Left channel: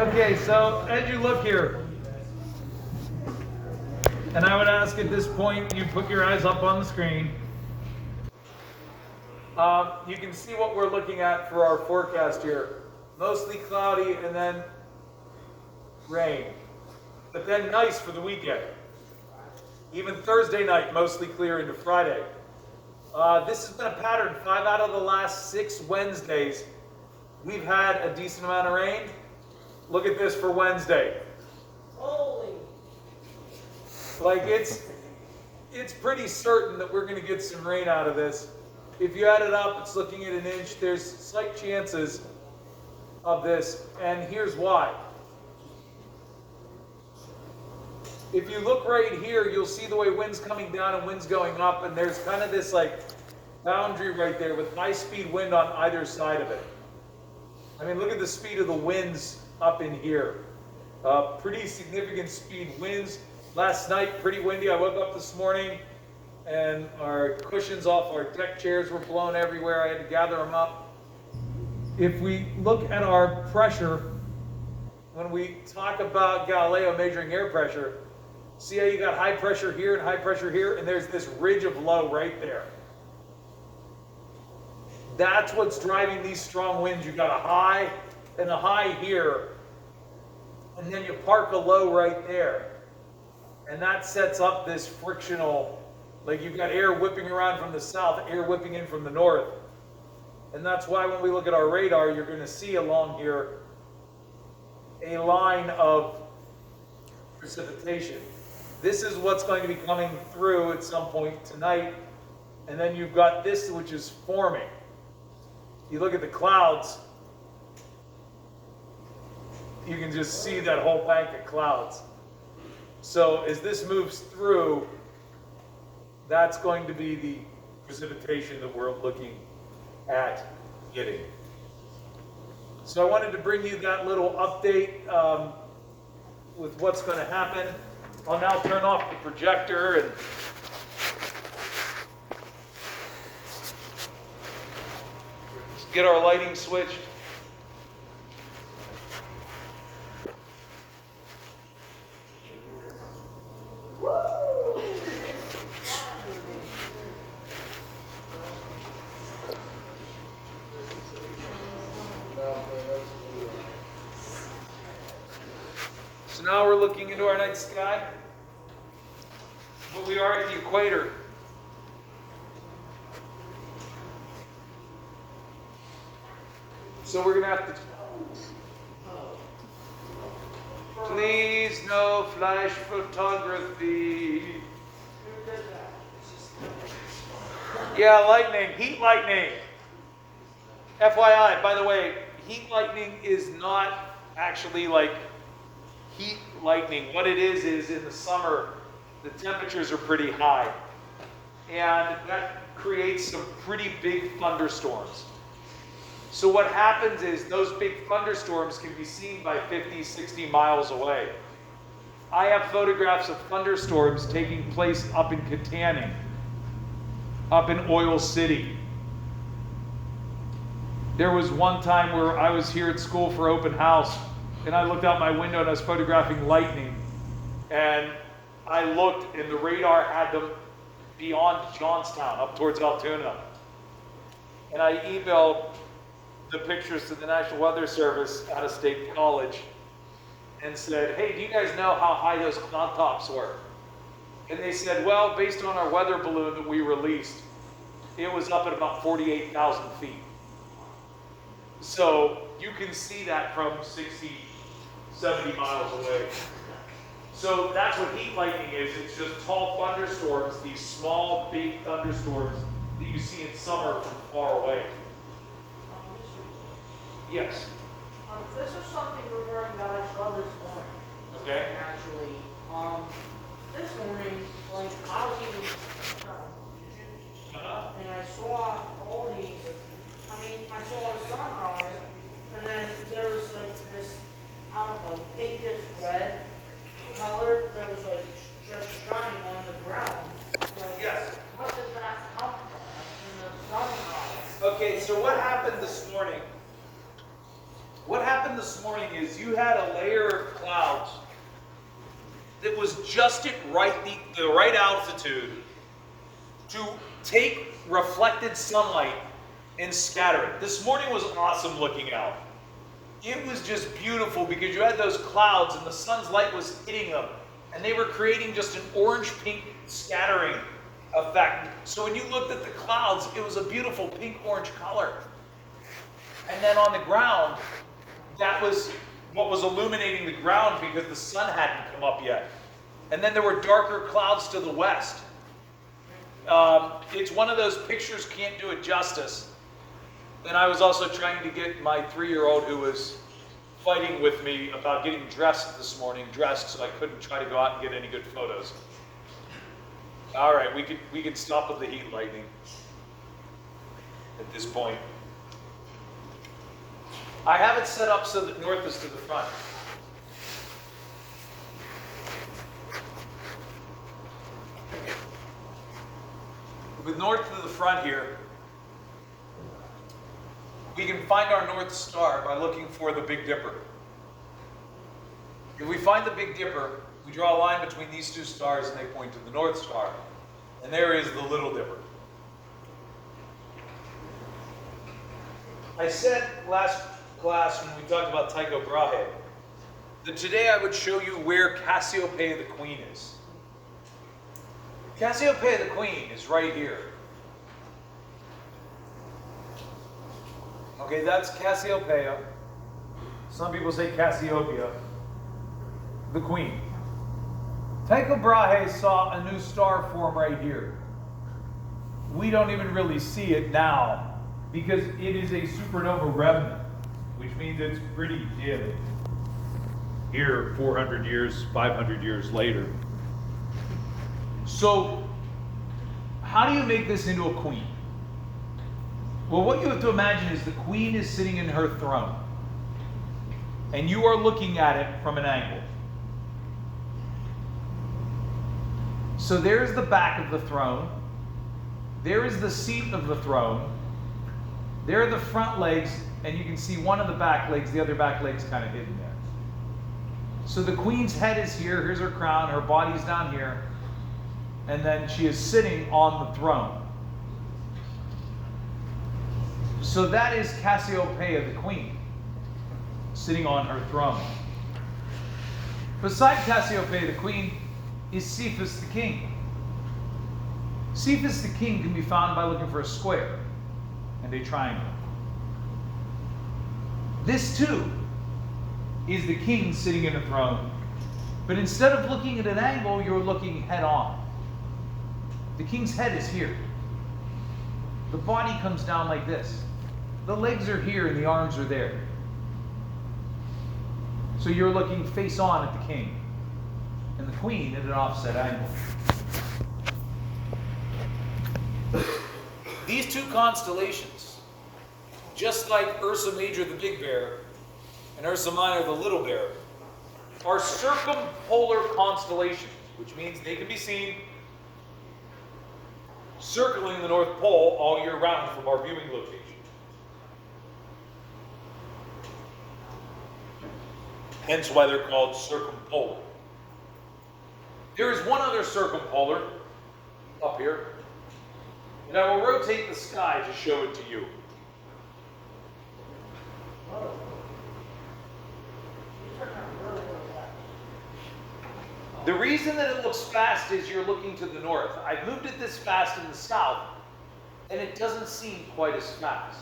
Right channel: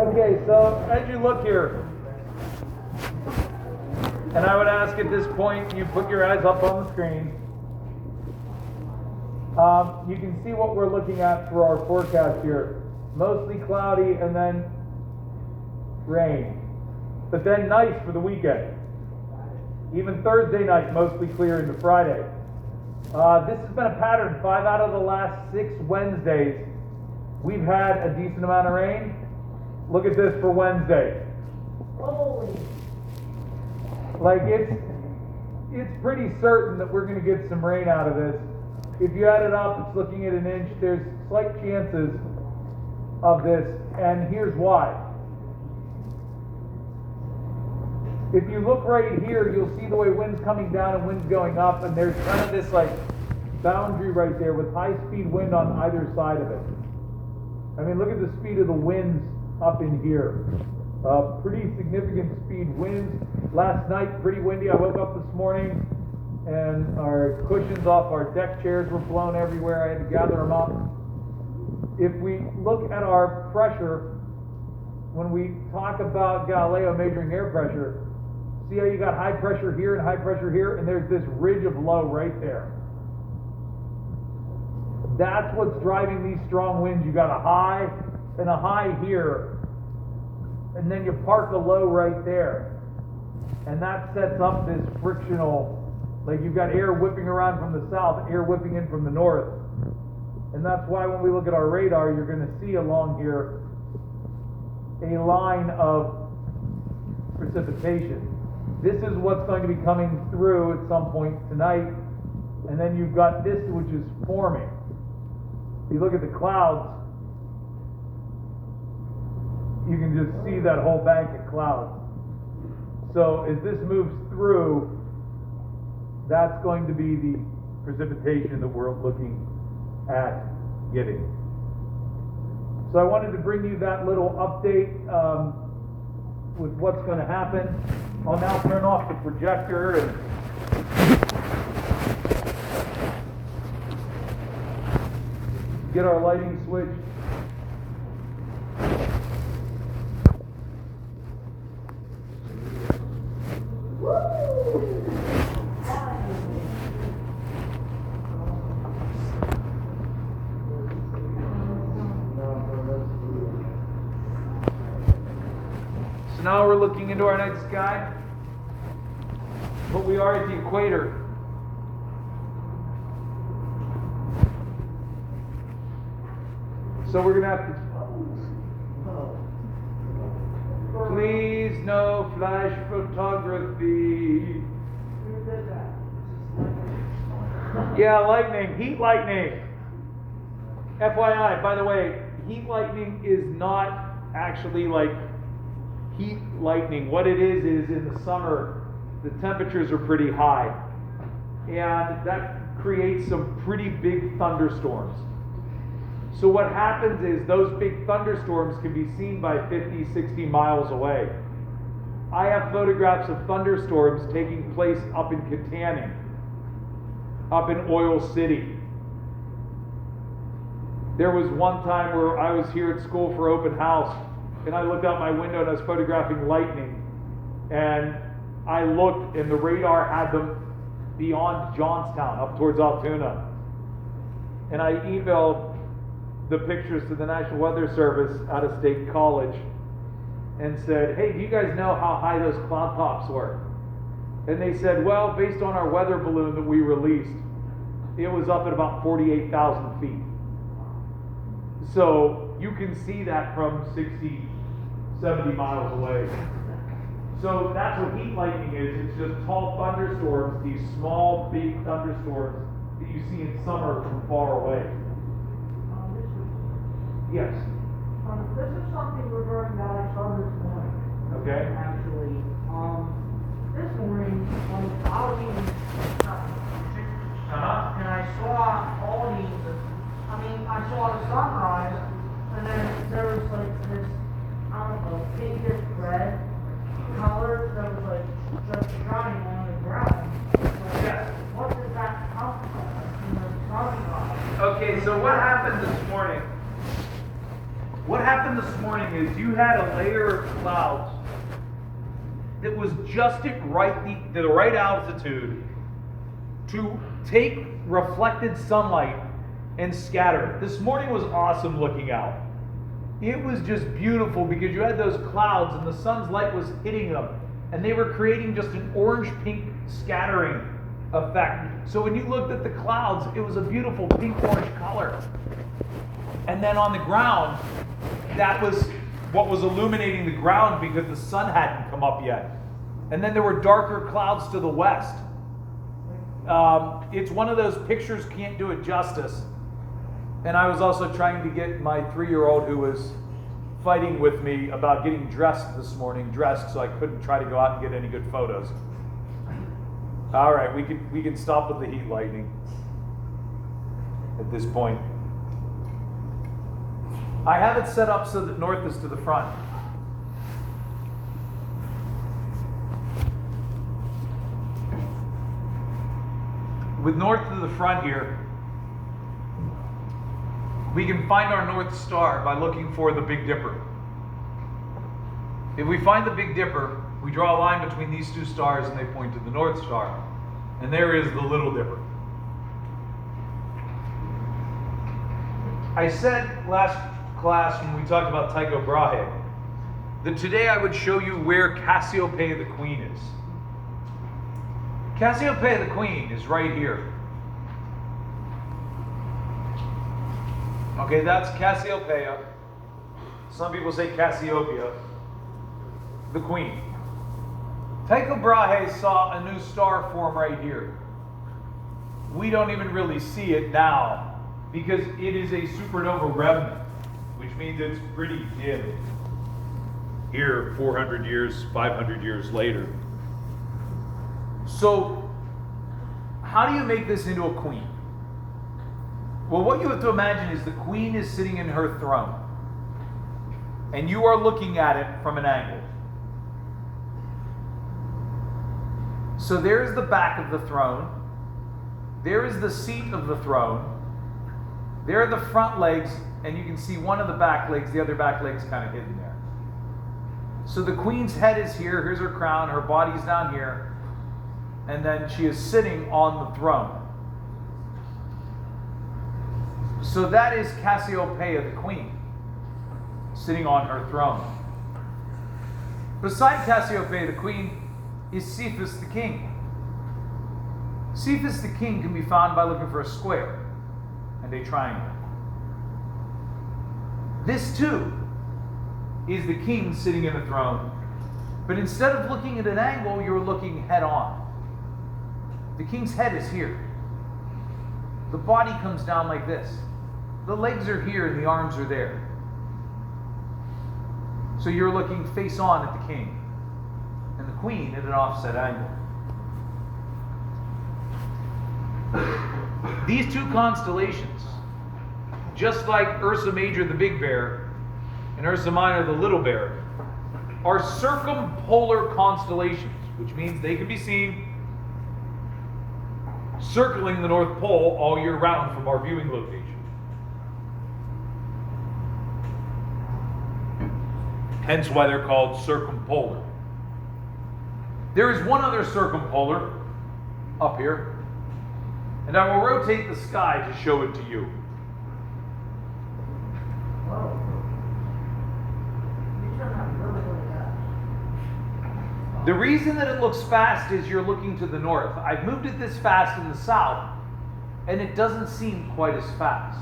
Okay, so as you look here, and I would ask at this point, you put your eyes up on the screen. You can see what we're looking at for our forecast here. Mostly cloudy and then rain. But then nice for the weekend. Even Thursday night, mostly clear into Friday. This has been a pattern. 5 out of the last 6 Wednesdays, we've had a decent amount of rain. Look at this for Wednesday. Holy. Like it's pretty certain that we're going to get some rain out of this. If you add it up, it's looking at 1 inch. There's slight chances of this, and here's why. If you look right here, you'll see the way wind's coming down and wind's going up, and there's kind of this like boundary right there with high-speed wind on either side of it. I mean, look at the speed of the winds up in here. Pretty significant speed winds. Last night, pretty windy. I woke up this morning and our cushions off our deck chairs were blown everywhere. I had to gather them up. If we look at our pressure, when we talk about Galileo measuring air pressure, see how you got high pressure here and high pressure here, and there's this ridge of low right there. That's what's driving these strong winds. You got a high and a high here, and then you park a low right there. And that sets up this frictional, like you've got air whipping around from the south, air whipping in from the north. And that's why when we look at our radar, you're going to see along here a line of precipitation. This is what's going to be coming through at some point tonight. And then you've got this, which is forming. You look at the clouds, you can just see that whole bank of clouds. So as this moves through, that's going to be the precipitation that we're looking at getting. So I wanted to bring you that little update with what's going to happen. I'll now turn off the projector and get our lighting switched. So now we're looking into our night sky, but we are at the equator. So we're going to have to... Please no flash photography. Yeah, lightning, heat lightning. FYI, by the way, heat lightning is not actually like heat lightning. What it is in the summer, the temperatures are pretty high. And that creates some pretty big thunderstorms. So what happens is those big thunderstorms can be seen by 50, 60 miles away. I have photographs of thunderstorms taking place up in Katanning, up in Oil City. There was one time where I was here at school for open house, and I looked out my window and I was photographing lightning. And I looked and the radar had them beyond Johnstown, up towards Altoona. And I emailed the pictures to the National Weather Service out of State College and said, hey, do you guys know how high those cloud tops were? And they said, well, based on our weather balloon that we released, it was up at about 48,000 feet. So you can see that from 60, 70 miles away. So that's what heat lightning is. It's just tall thunderstorms, these small, big thunderstorms that you see in summer from far away. Yes. This is something regarding that I saw this morning. Okay. Actually, this morning, like I was eating and I saw all these. I mean, I saw the sunrise, and then there was like this, I don't know, pinkish red color that was like just shining on the ground. Like, Yes. What did that come from? In the sunrise. Okay, so what happened this morning What happened this morning is you had a layer of clouds that was just at the right altitude to take reflected sunlight and scatter it. This morning was awesome looking out. It was just beautiful because you had those clouds and the sun's light was hitting them, and they were creating just an orange-pink scattering effect. So when you looked at the clouds, it was a beautiful pink-orange color. And then on the ground, that was what was illuminating the ground because the sun hadn't come up yet. And then there were darker clouds to the west. It's one of those pictures, can't do it justice. And I was also trying to get my 3-year-old who was fighting with me about getting dressed this morning, so I couldn't try to go out and get any good photos. All right, we can stop with the heat lightning at this point. I have it set up so that north is to the front. With north to the front here, we can find our North Star by looking for the Big Dipper. If we find the Big Dipper, we draw a line between these two stars and they point to the North Star. And there is the Little Dipper. I said last class when we talked about Tycho Brahe that today I would show you where Cassiopeia the Queen is. Cassiopeia the Queen is right here. Okay, that's Cassiopeia. Some people say Cassiopeia, the Queen. Tycho Brahe saw a new star form right here. We don't even really see it now because it is a supernova remnant, which means it's pretty dim. Here, 400 years, 500 years later. So, how do you make this into a queen? Well, what you have to imagine is the queen is sitting in her throne, and you are looking at it from an angle. So there's the back of the throne. There is the seat of the throne. There are the front legs, and you can see one of the back legs, the other back leg's kind of hidden there. So the queen's head is here, here's her crown, her body's down here, and then she is sitting on the throne. So that is Cassiopeia the Queen, sitting on her throne. Beside Cassiopeia the Queen is Cephas the King. Cephas the King can be found by looking for a square and a triangle. This too is the king sitting in a throne, but instead of looking at an angle, you're looking head on. The king's head is here. The body comes down like this. The legs are here and the arms are there. So you're looking face on at the king and the queen at an offset angle. These two constellations, just like Ursa Major the Big Bear and Ursa Minor the Little Bear, are circumpolar constellations, which means they can be seen circling the North Pole all year round from our viewing location. Hence why they're called circumpolar. There is one other circumpolar up here, and I will rotate the sky to show it to you. The reason that it looks fast is you're looking to the north. I've moved it this fast in the south, and it doesn't seem quite as fast.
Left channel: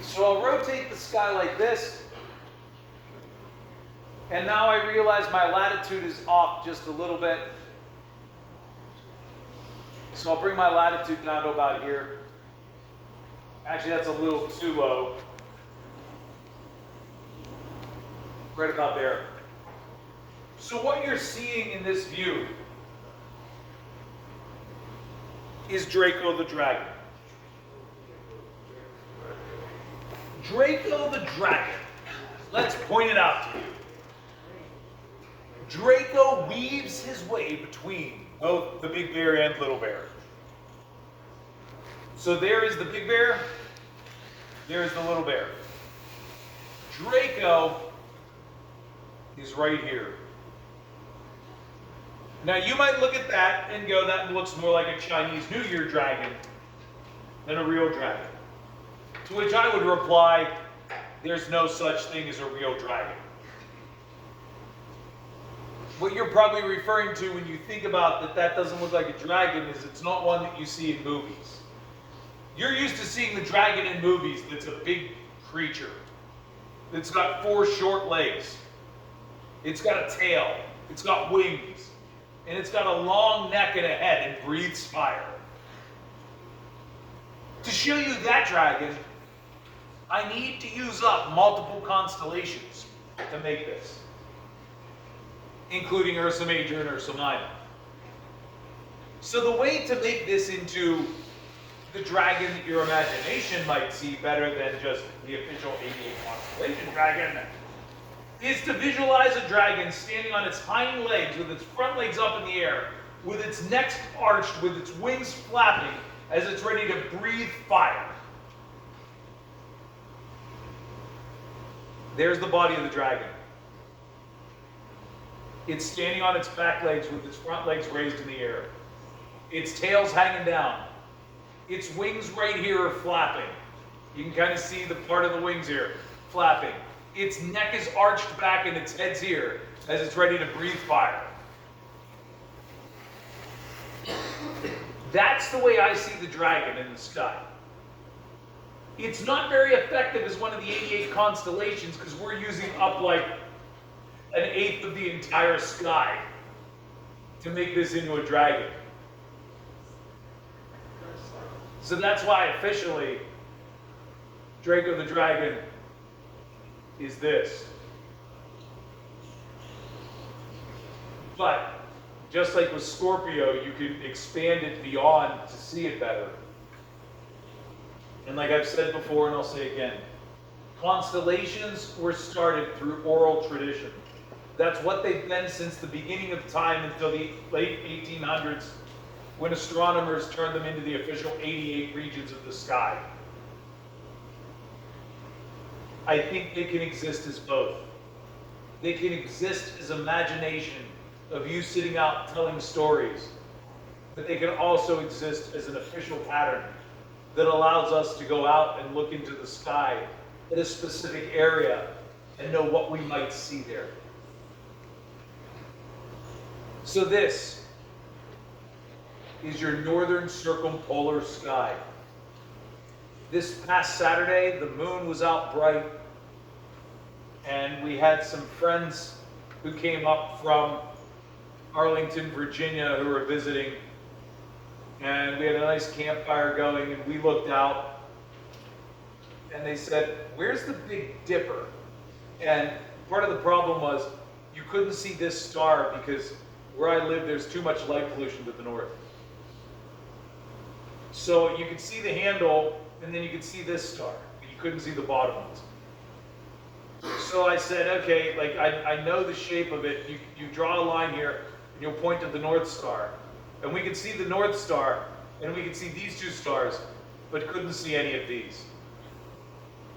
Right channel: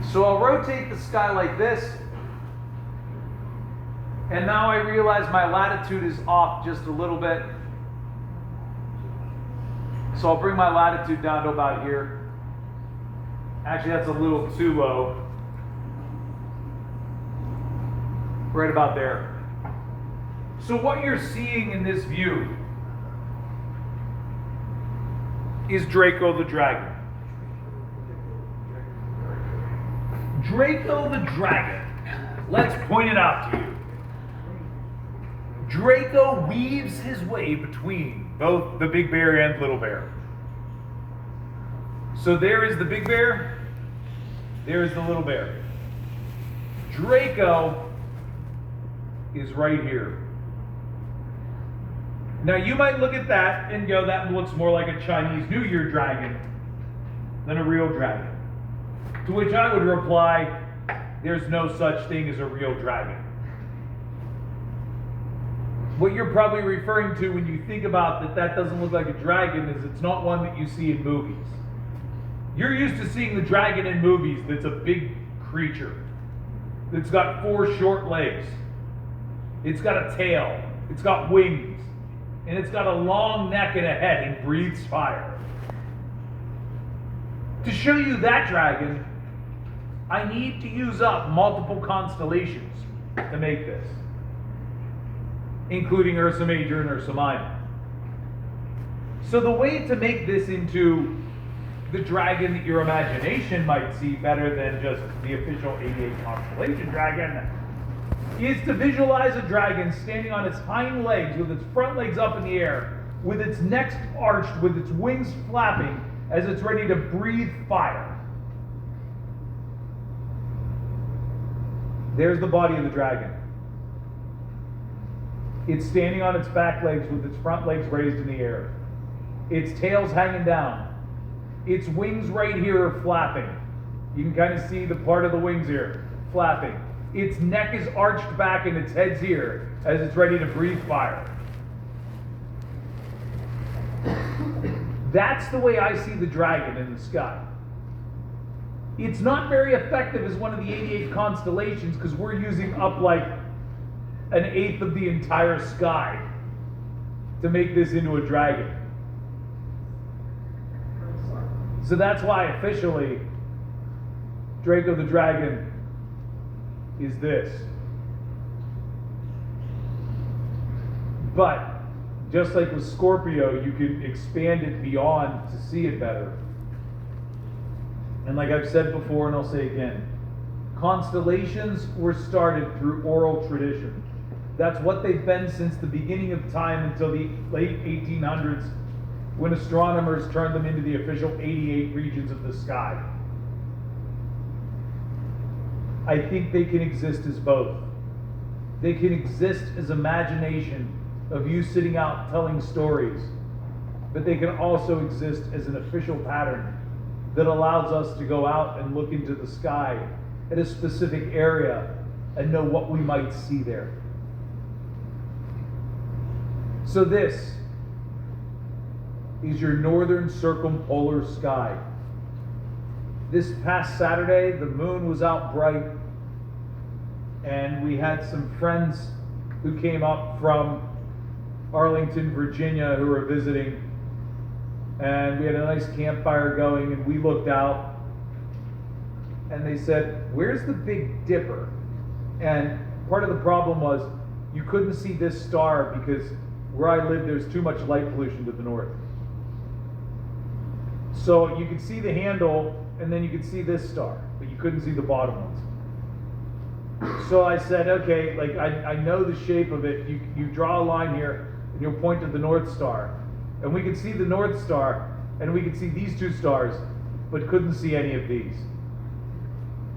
So I'll rotate the sky like this, and now I realize my latitude is off just a little bit. So I'll bring my latitude down to about here. Actually, that's a little too low. Right about there. So what you're seeing in this view is Draco the dragon. Draco the dragon. Let's point it out to you. Draco weaves his way between both the Big Bear and Little Bear. So there is the big bear, there is the little bear. Draco is right here. Now you might look at that and go, that looks more like a Chinese New Year dragon than a real dragon. To which I would reply, there's no such thing as a real dragon. What you're probably referring to when you think about that doesn't look like a dragon is it's not one that you see in movies. You're used to seeing the dragon in movies that's a big creature. It's got 4 short legs. It's got a tail. It's got wings. And it's got a long neck and a head and breathes fire. To show you that dragon, I need to use up multiple constellations to make this, including Ursa Major and Ursa Minor. So the way to make this into the dragon that your imagination might see better than just the official 88 constellation dragon is to visualize a dragon standing on its hind legs with its front legs up in the air, with its neck arched, with its wings flapping as it's ready to breathe fire. There's the body of the dragon. It's standing on its back legs with its front legs raised in the air. Its tail's hanging down. Its wings right here are flapping. You can kind of see the part of the wings here flapping. Its neck is arched back and its head's here as it's ready to breathe fire. That's the way I see the dragon in the sky. It's not very effective as one of the 88 constellations because we're using up like 1/8 of the entire sky to make this into a dragon. So that's why officially Draco the Dragon is this. But just like with Scorpio, you can expand it beyond to see it better. And like I've said before, and I'll say again, constellations were started through oral tradition. That's what they've been since the beginning of time until the late 1800s, when astronomers turned them into the official 88 regions of the sky. I think they can exist as both. They can exist as imagination of you sitting out telling stories, but they can also exist as an official pattern that allows us to go out and look into the sky at a specific area and know what we might see there. So this is your northern circumpolar sky. This past Saturday, the moon was out bright, and we had some friends who came up from Arlington, Virginia, who were visiting, and we had a nice campfire going, and we looked out, and they said, "Where's the Big Dipper?" And part of the problem was you couldn't see this star because where I live, there's too much light pollution to the north. So you could see the handle, and then you could see this star, but you couldn't see the bottom ones. So I said, okay, like I know the shape of it. You draw a line here, and you'll point to the North Star. And we could see the North Star, and we could see these two stars, but couldn't see any of these.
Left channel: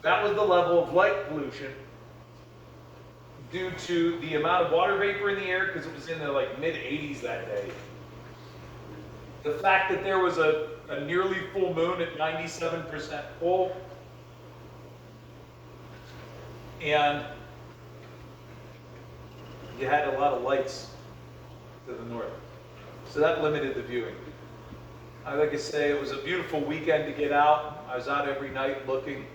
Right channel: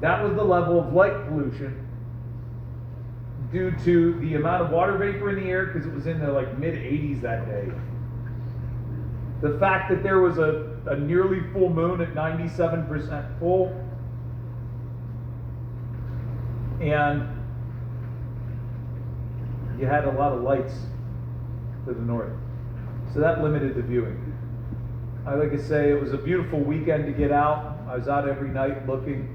That was the level of light pollution due to the amount of water vapor in the air, because it was in the like mid-80s that day. The fact that there was a nearly full moon at 97% full, and you had a lot of lights to the north. So that limited the viewing. Like I say, it was a beautiful weekend to get out. I was out every night looking.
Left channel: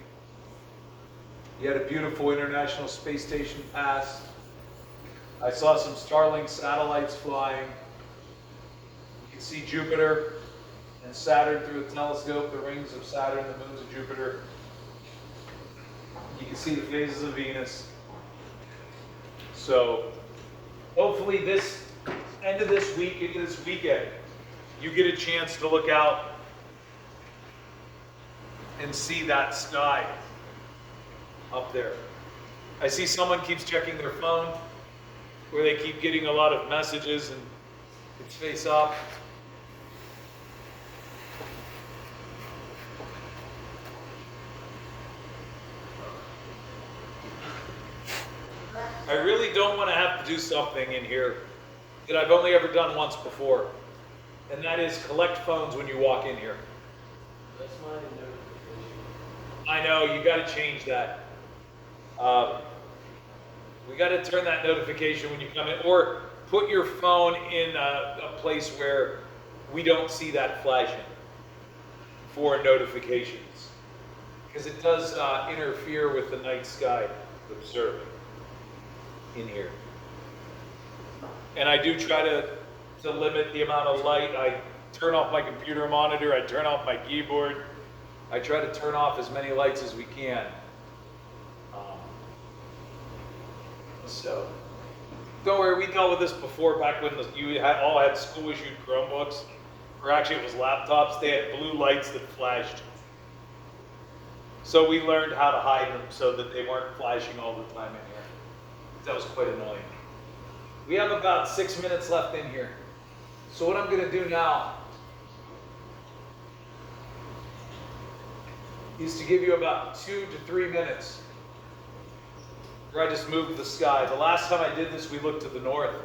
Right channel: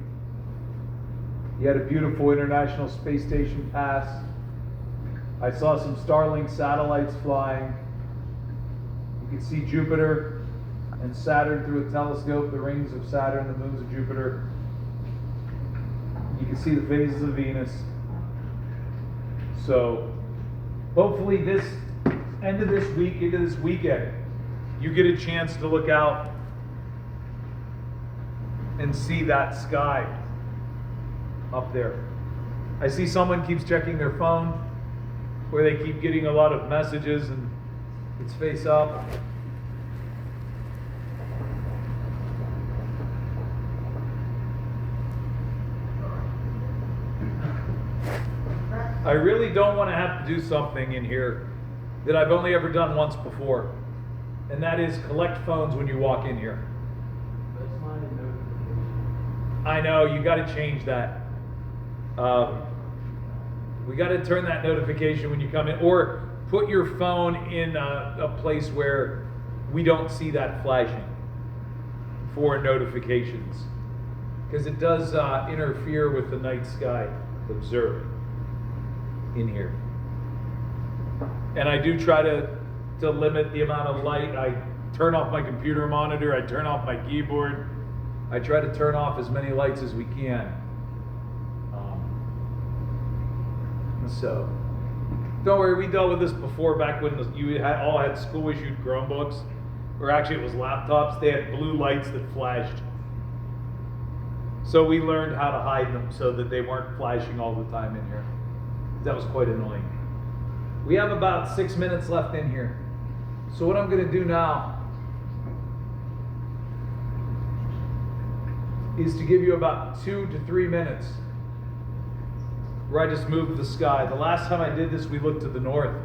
You had a beautiful International Space Station pass. I saw some Starlink satellites flying. You could see Jupiter and Saturn through a telescope, the rings of Saturn, the moons of Jupiter. You can see the phases of Venus. So hopefully this end of this week, into this weekend, you get a chance to look out and see that sky up there. I see someone keeps checking their phone, where they keep getting a lot of messages, and it's face up. I really don't want to have to do something in here that I've only ever done once before, and that is collect phones when you walk in here. That's my notification. I know, you got to change that. We got to turn that notification when you come in, or put your phone in a place where we don't see that flashing for notifications, because it does interfere with the night sky observing in here. And I do try to limit the amount of light. I turn off my computer monitor, I turn off my keyboard. I try to turn off as many lights as we can. So, don't worry, we dealt with this before, back when you all had school-issued Chromebooks, or actually it was laptops. They had blue lights that flashed. So we learned how to hide them so that they weren't flashing all the time in here. That was quite annoying. We have about 6 minutes left in here. So what I'm going to do now is to give you about 2 to 3 minutes where I just moved the sky. The last time I did this, we looked to the north,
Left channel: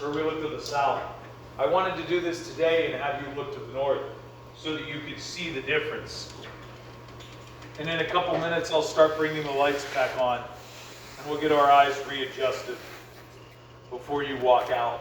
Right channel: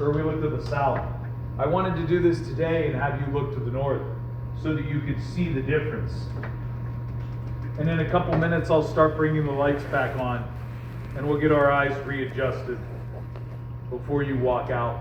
or we looked to the south. I wanted to do this today and have you look to the north so that you could see the difference. And in a couple minutes, I'll start bringing the lights back on, and we'll get our eyes readjusted before you walk out.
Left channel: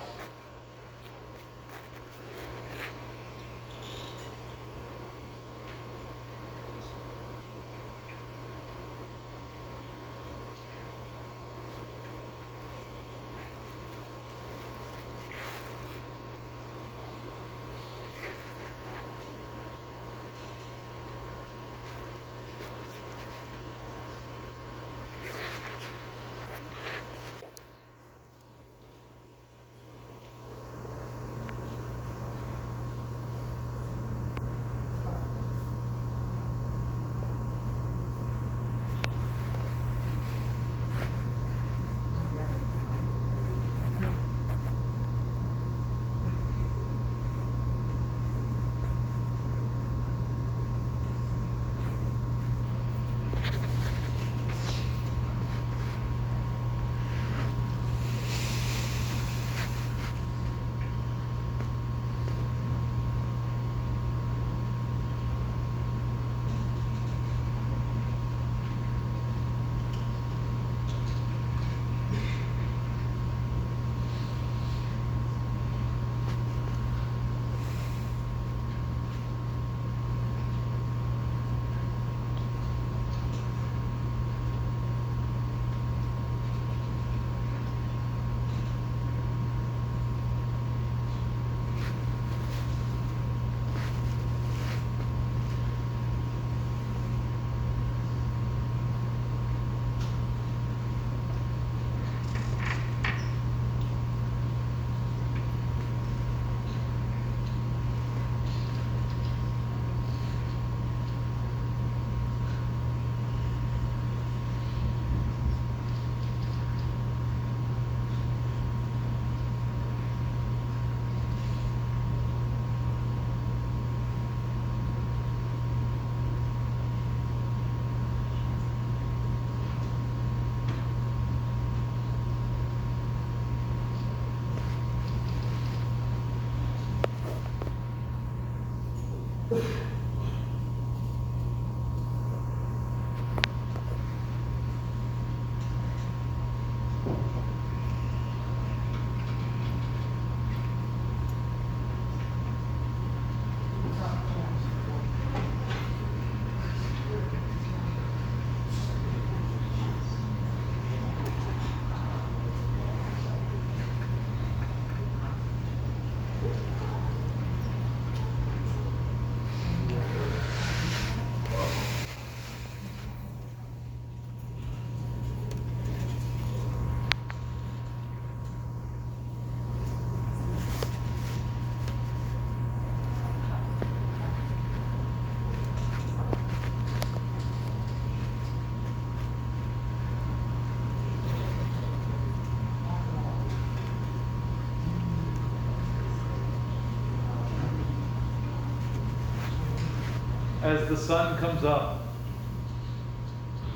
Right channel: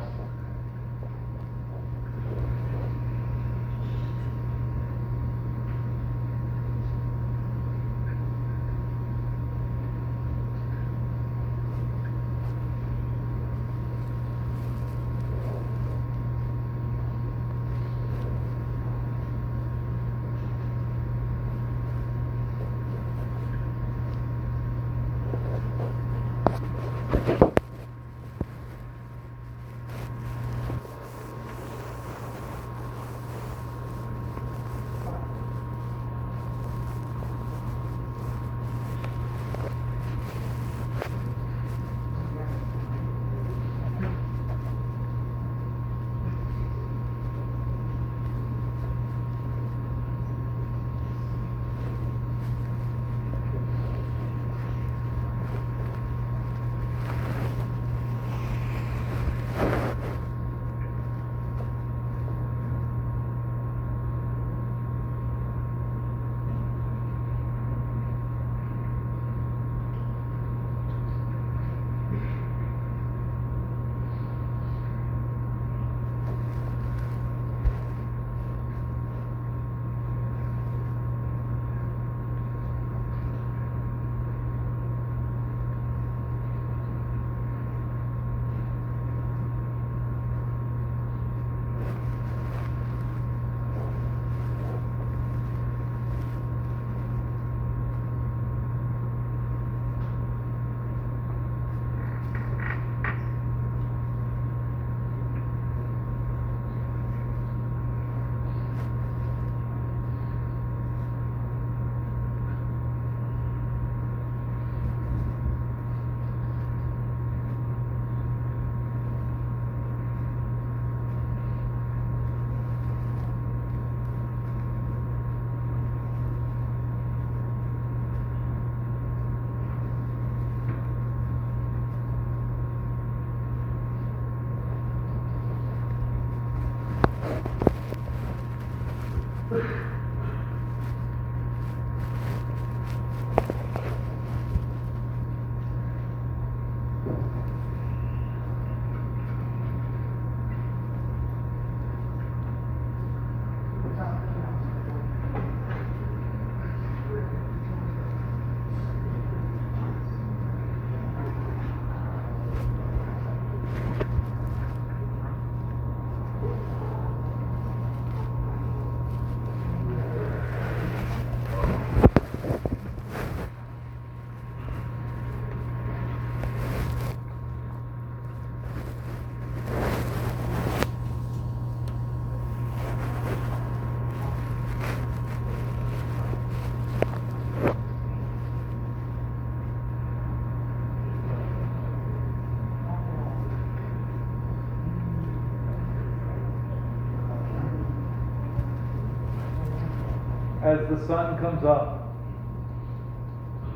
As the sun comes up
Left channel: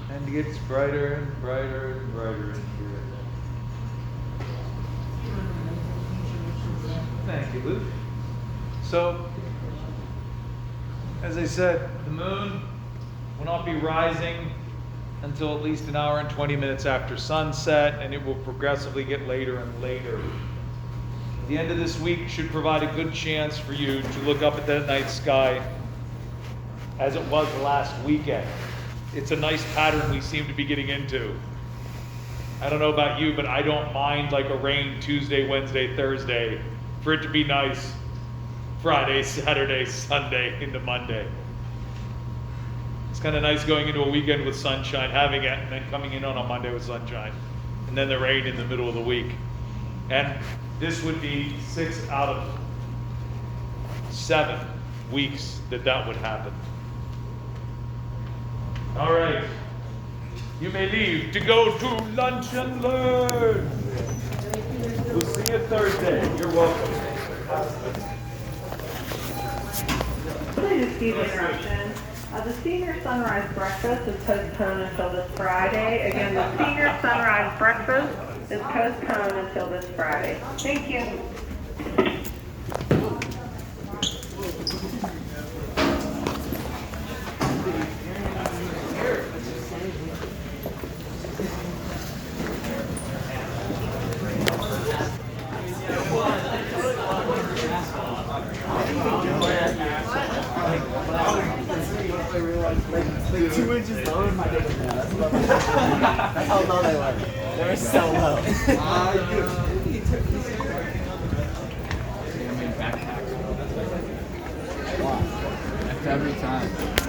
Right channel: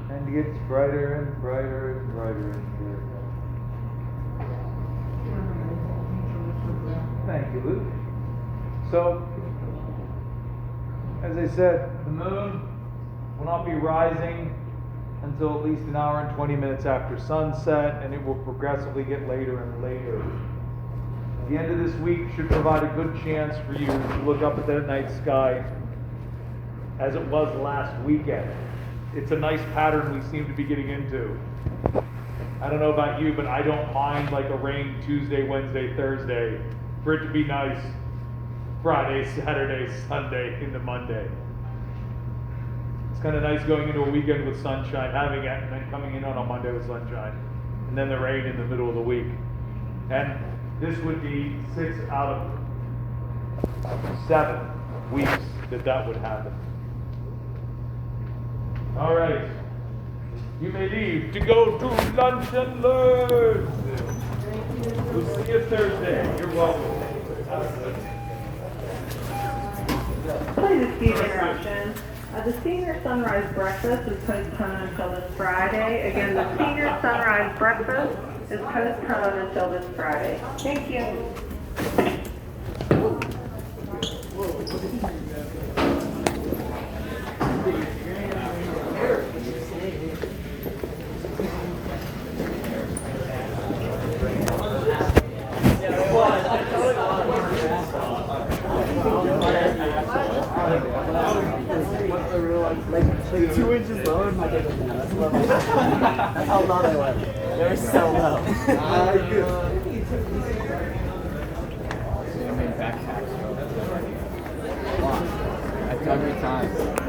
and gets brighter and brighter and brighter in here, Thank you, Luke. So, as I said, the moon will not be rising until at least an hour and 20 minutes after sunset, and it will progressively get later and later. The end of this week should provide a good chance for you to look up at that night sky as it was last weekend. It's a nice pattern we seem to be getting into. I don't know about you, but I don't mind like a rain Tuesday, Wednesday, Thursday, for it to be nice Friday, Saturday, Sunday into Monday. It's kind of nice going into a weekend with sunshine, having it, and then coming in on a Monday with sunshine, and then the rain in the middle of the week. And this would be 6 out of 7 weeks that would happen. All right, you may leave to go to lunch and learn. We'll see you Thursday. You're welcome. Please excuse interruption. The senior sunrise breakfast is postponed until this Friday. Again, the senior sunrise breakfast is postponed until this Friday. Thank you. Like 2 inches lower than my dick. That's how low they were. They were so low. After every time.